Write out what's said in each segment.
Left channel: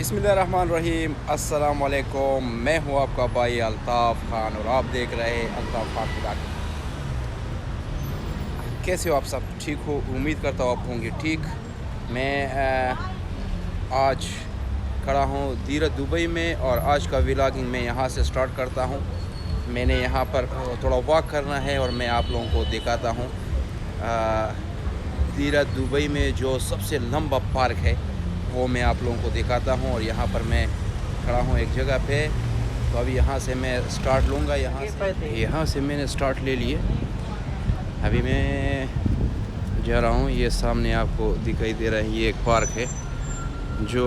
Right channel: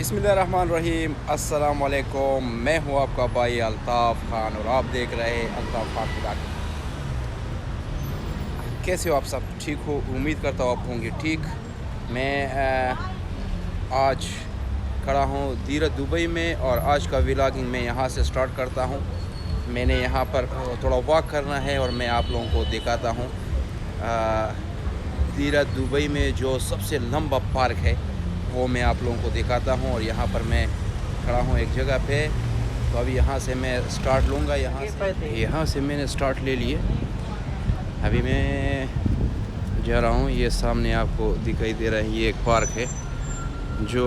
बिस्मिल्लाहिर्रहमानिर्रहीम, अस्सलाम वालेकुम। मैं हूँ आपका भाई अल्ताफ़ खान और आप देख रहे हैं अल्ताफ़ खान ब्लॉग। कैसे हो आप सब? ठीक हो? उम्मीद करता हूँ आप होंगे ठीक। मैं आज खड़ा हूँ देरा दुबई में और आज का व्लॉगिंग मैं यहाँ से स्टार्ट करता हूँ। मैंने यहाँ पर थोड़ा वॉक करना है और मैं आप लोगों को दिखाता हूँ देरा दुबई में जो सबसे लंबा पार्क है वो मैं आप लोगों को दिखाता हूँ। और यहाँ पर मैं खड़ा हूँ एक जगह पे, तो अभी यहाँ से मैं स्टार्ट लूँगा। यहाँ से मैंने स्टार्ट ले लिए। अभी मैं जा रहा हूँ। ये सामने आपको दिखाई दे रहा है, ये एक पार्क है जो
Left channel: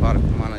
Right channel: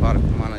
पार्क माना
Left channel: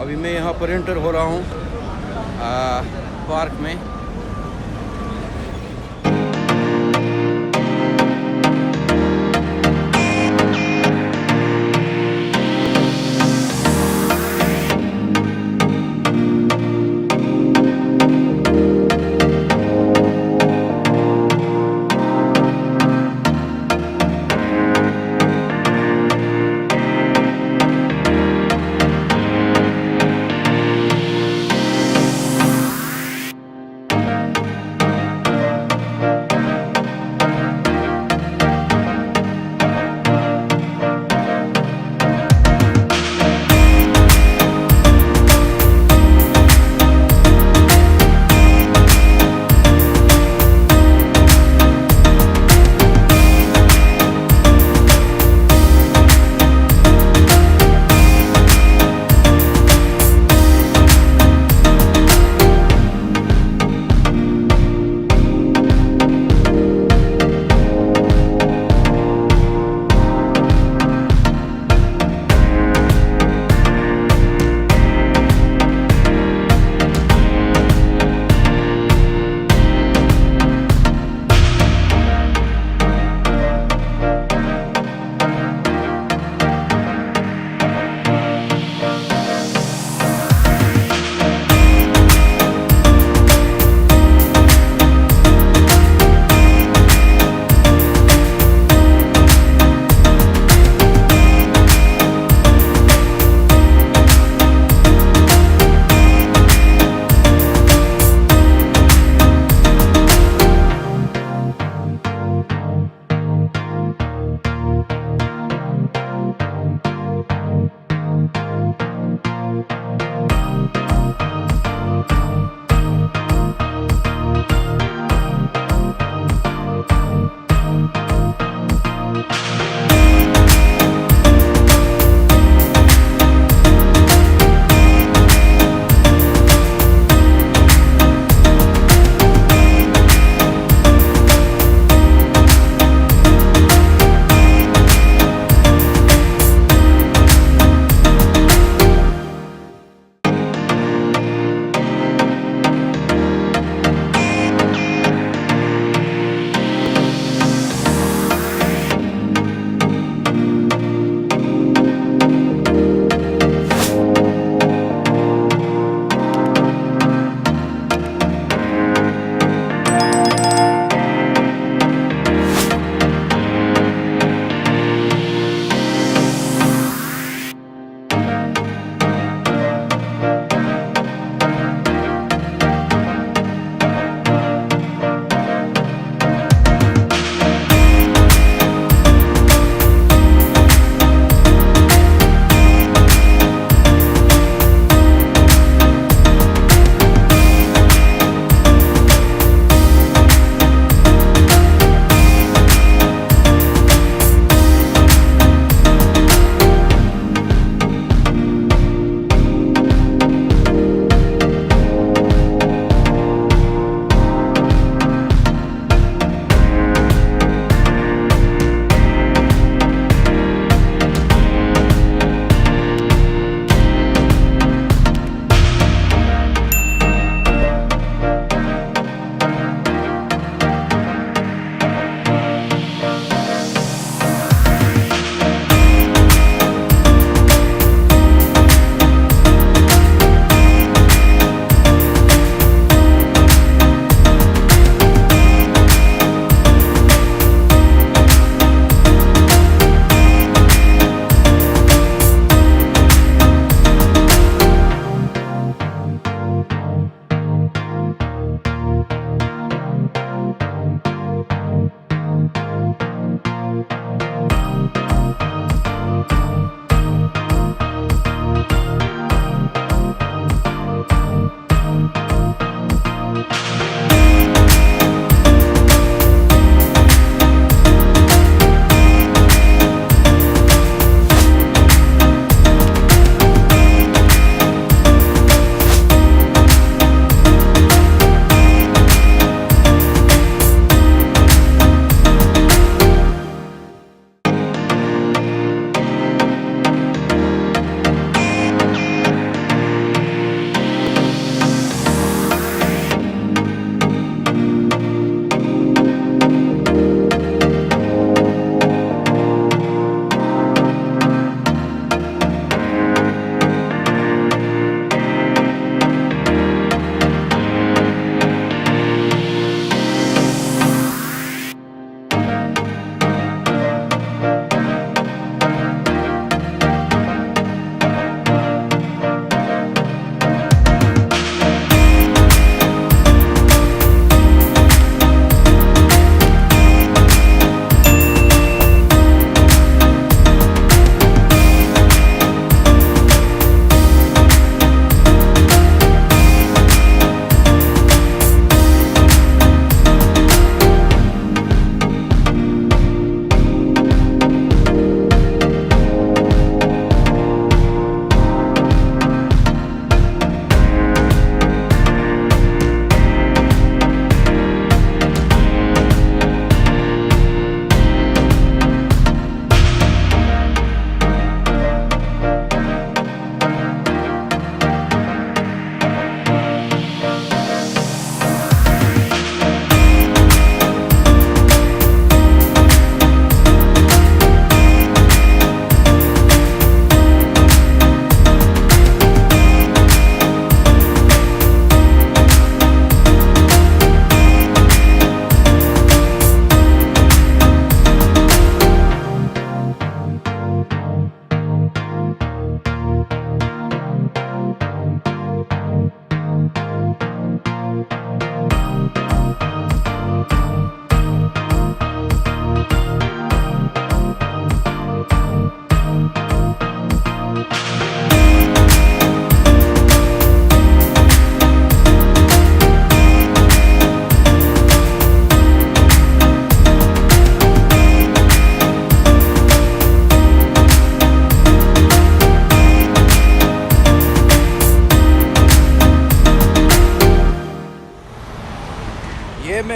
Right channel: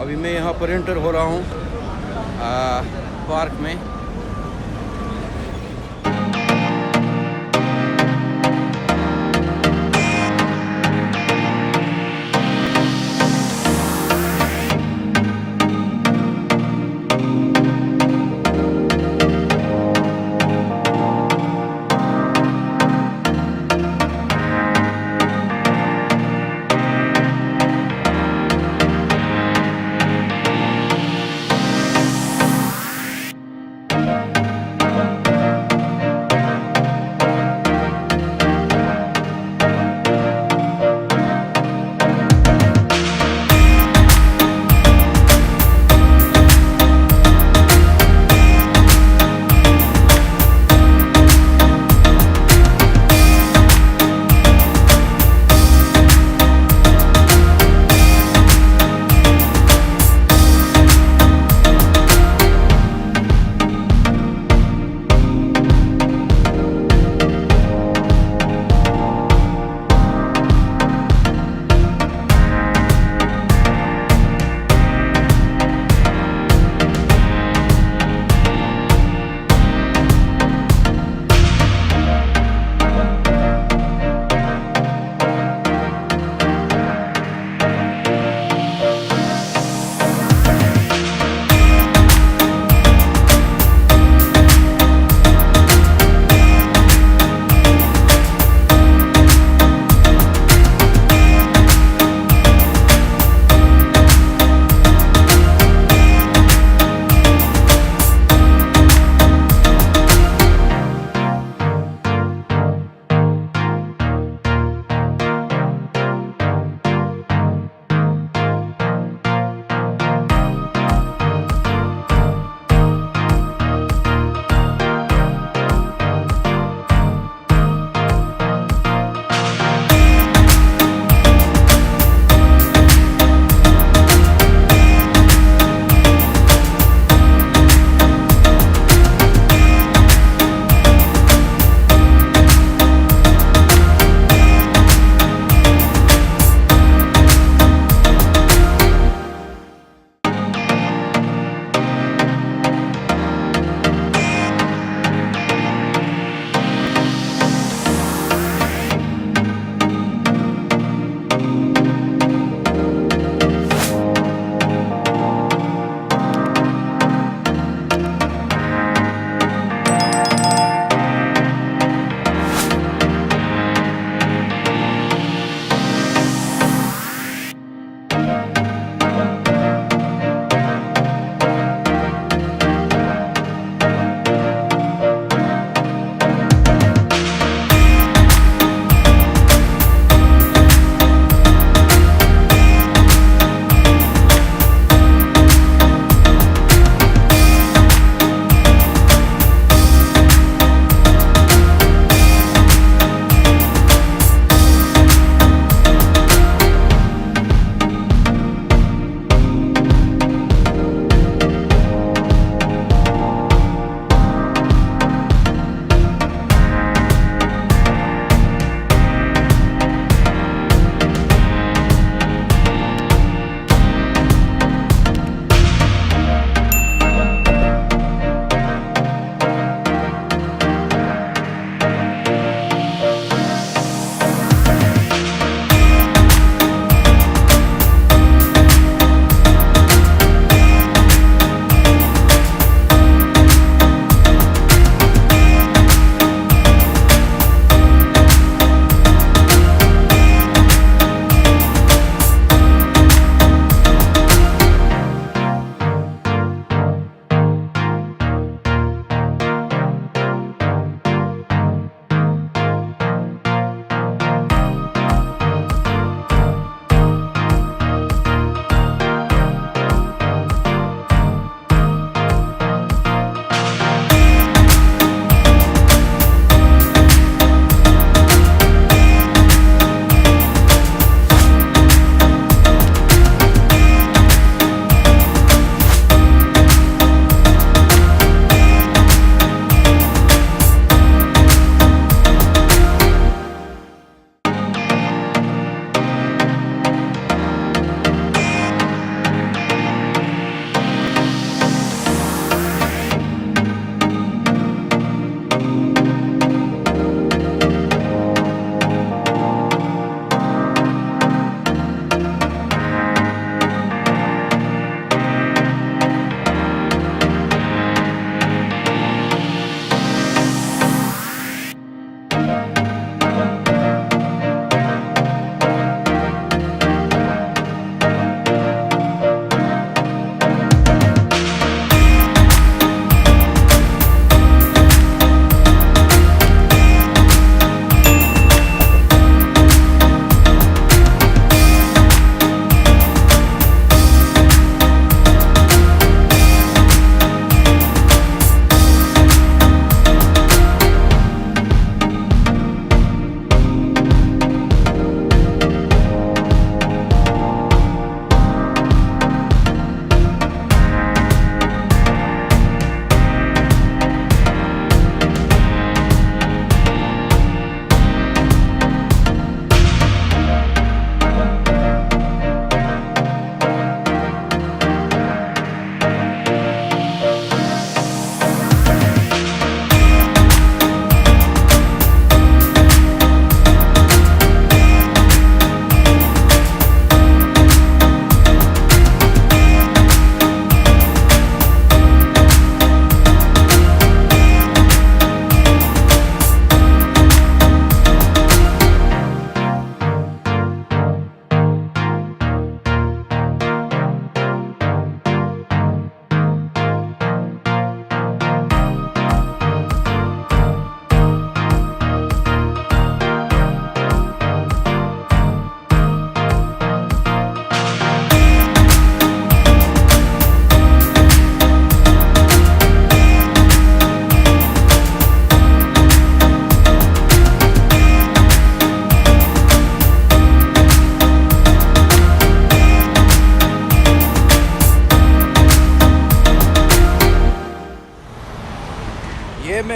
अभी मैं यहाँ पर एंटर हो रहा हूँ पार्क में।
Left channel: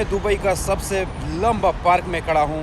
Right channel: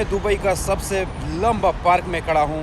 मैं दुबई का सबसे लंबा पार्क में खड़ा हूँ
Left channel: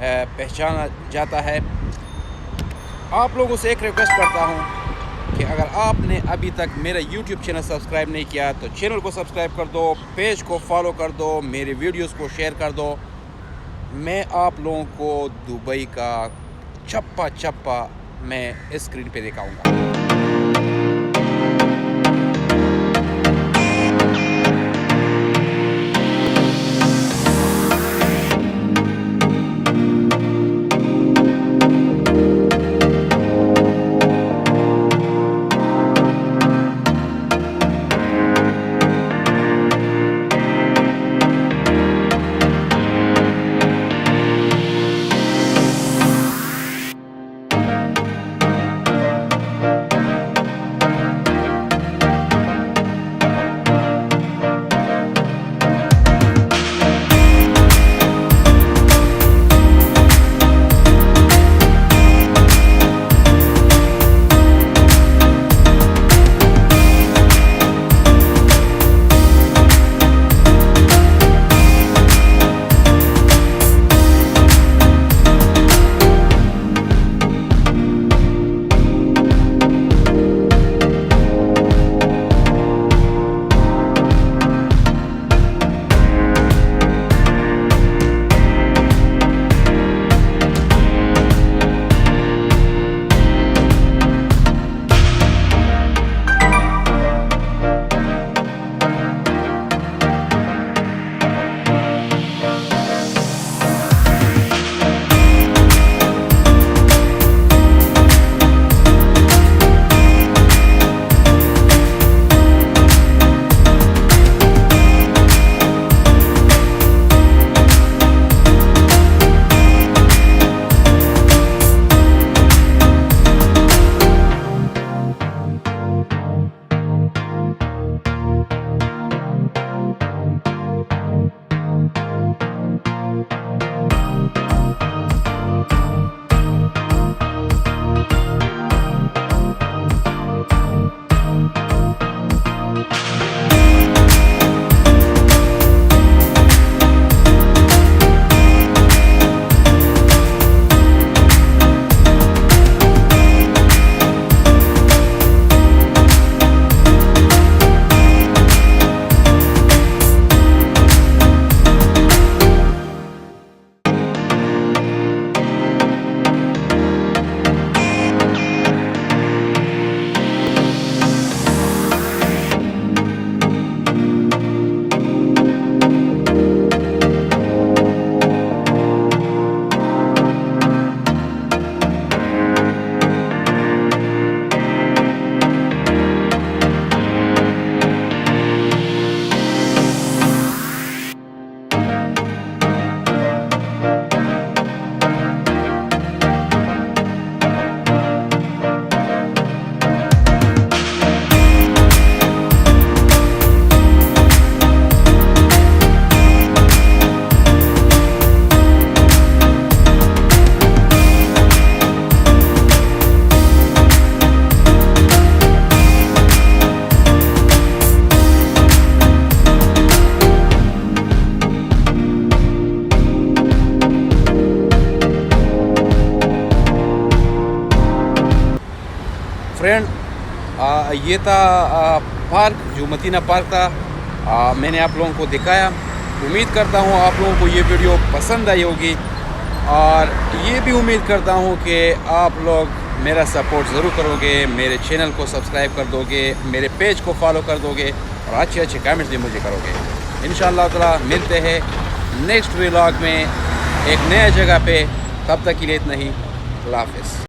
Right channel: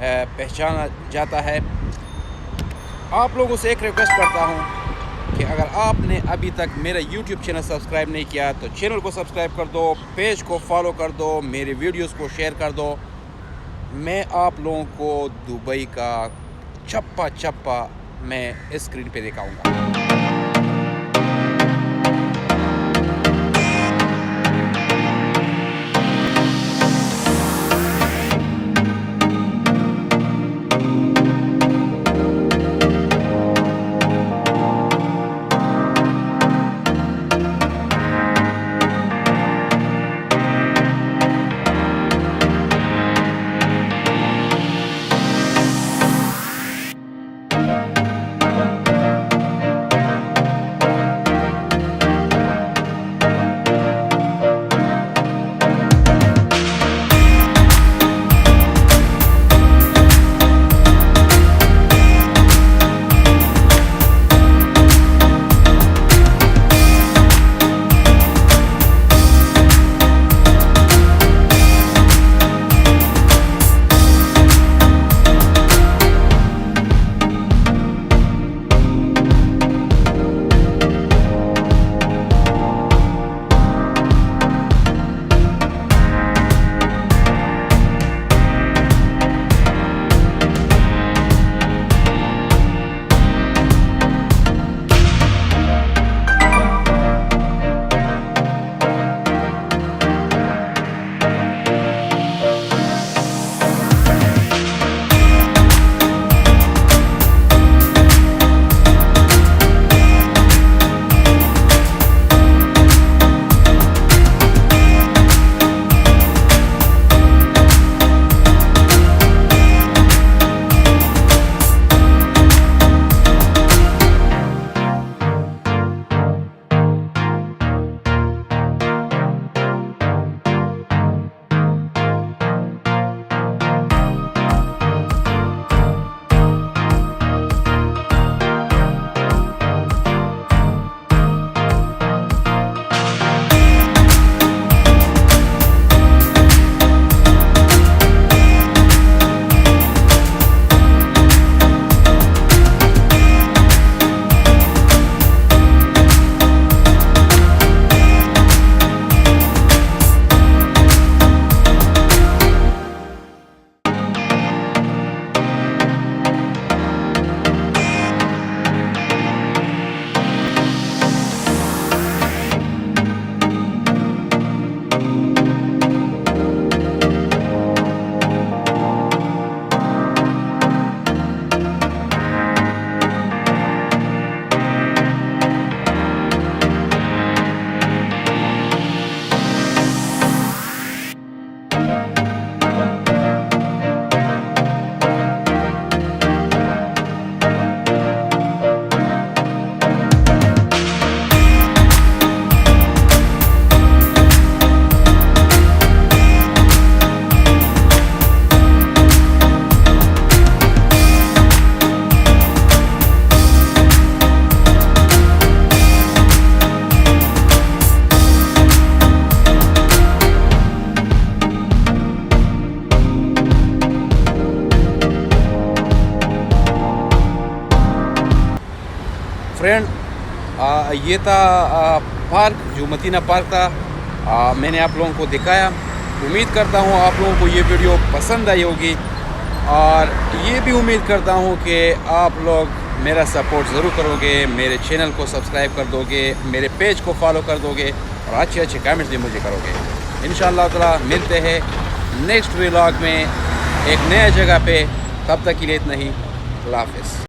पहचाना जाता है। आप लोगों से एक रिक्वेस्ट करता हूँ कि अगर आपने अभी तक मेरा YouTube चैनल सब्सक्राइब नहीं किया तो चैनल को सब्सक्राइब कर दो, पेज को फॉलो कर दो, मेरे वीडियोस को शेयर कर दो। मैं आप लोगों को दुबई का चप्पा चप्पा मैं स्क्रीन पे दिखाऊंगा। फ्रेंड, ये था पार्क जो मुतीना पार्क था। मैंने आप लोगों को दिखाया। उम्मीद करता हूँ आप लोगों को ये वीडियो पसंद आई होगी और ये भी उम्मीद करता हूँ कि आप लोग मेरा सपोर्ट ज़रूर करोगे, मेरे चैनल को सब्सक्राइब कर दोगे, मेरे पेज को फॉलो कर दोगे और अच्छे अच्छे कमेंट्स भी मुझे करोगे। इंशाअल्लाह ताला मिलते हैं नेक्स्ट व्लॉग में एक नया जगह पे। तब तक के लिए इतना ही। अल्लाह हाफ़िज़।